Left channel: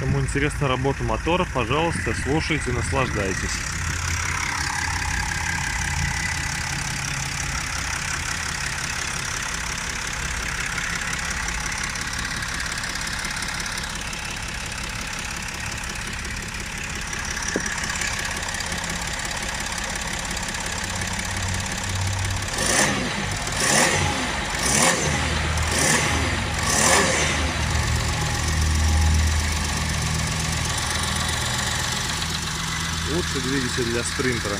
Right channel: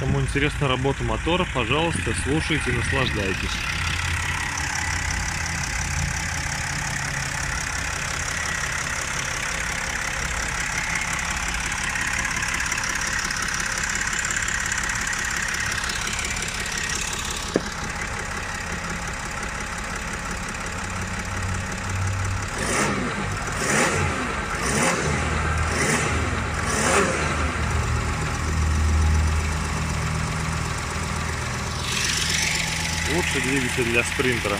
Кому интересна работа мотора, пожалуйста, слушайте, наслаждайтесь. Лучший двигатель для спринтера.